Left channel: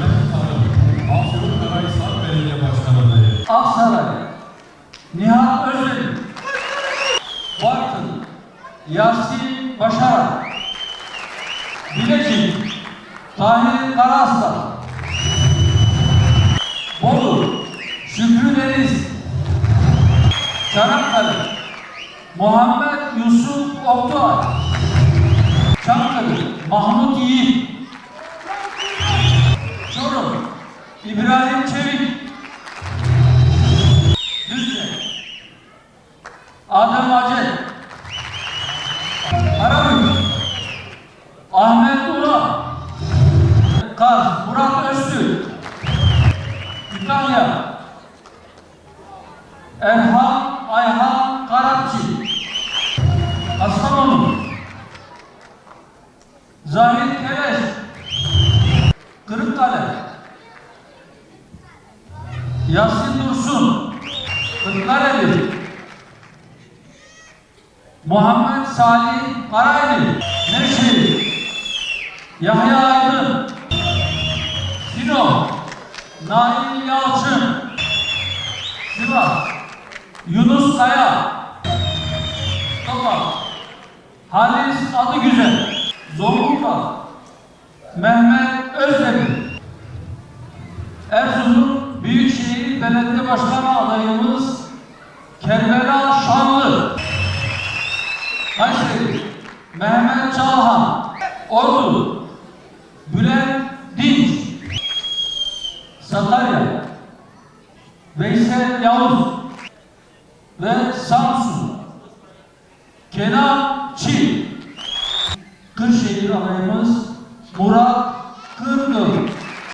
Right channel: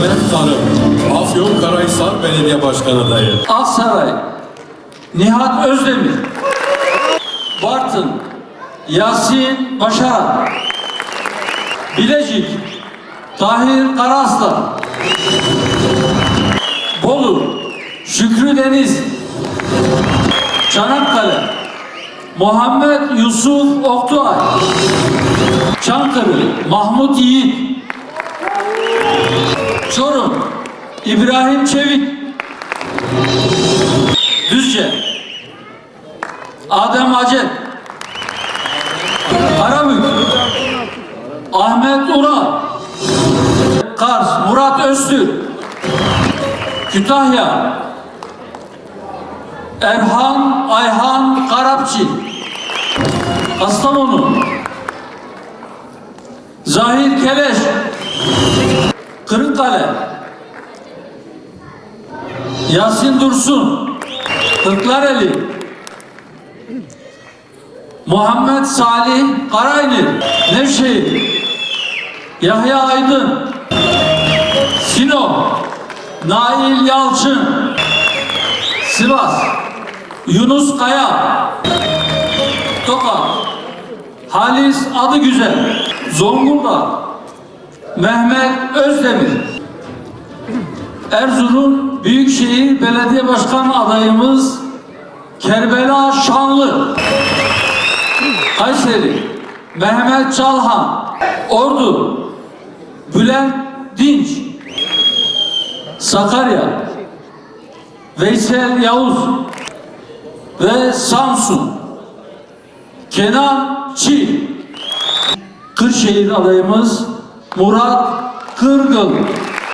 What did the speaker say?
Mehmet Tanım, Afyonkarahisar Belediye Başkanı adayı. Aksaray, Nihat Özdemir. Bartın, Yasin Başaran. Bilecik, Tahir Karaaslan. Bolu, Şükrü Deniz. Çanakkale, Muhammed Yusuf Oktuay. Çankırı, Mahmut Yiğit. Çorum, İbrahim Çevik. Düzce, Adem Acet. Karabük, Ahmet Ural. Kars, Murat Öztürk. Kütahya, Erhan Ayhan Karapçı. Kastamonu, Zahir Keleş. Kırıkkale, Yasin Dursun. Kırklareli, Muhammed Salih Karaynil. Nevşehir, Yahya Aydın. Sinop, Nail Yalçın. Sivas, Yunus Kaya. Tokat, Halis Adıgüzel. Zonguldak, Mehmet Özdemir. Erzurum Büyükşehir Belediye Başkanı adayımız Kerbela Şanlı. Kayseri, Mehmet Çalhan. Ordu, Bülent Dinç. Sakarya, Veysel Yavuz. Ve Samsun, Kenan Çiğ. Kırşehir adayımız Murat Kırgıl.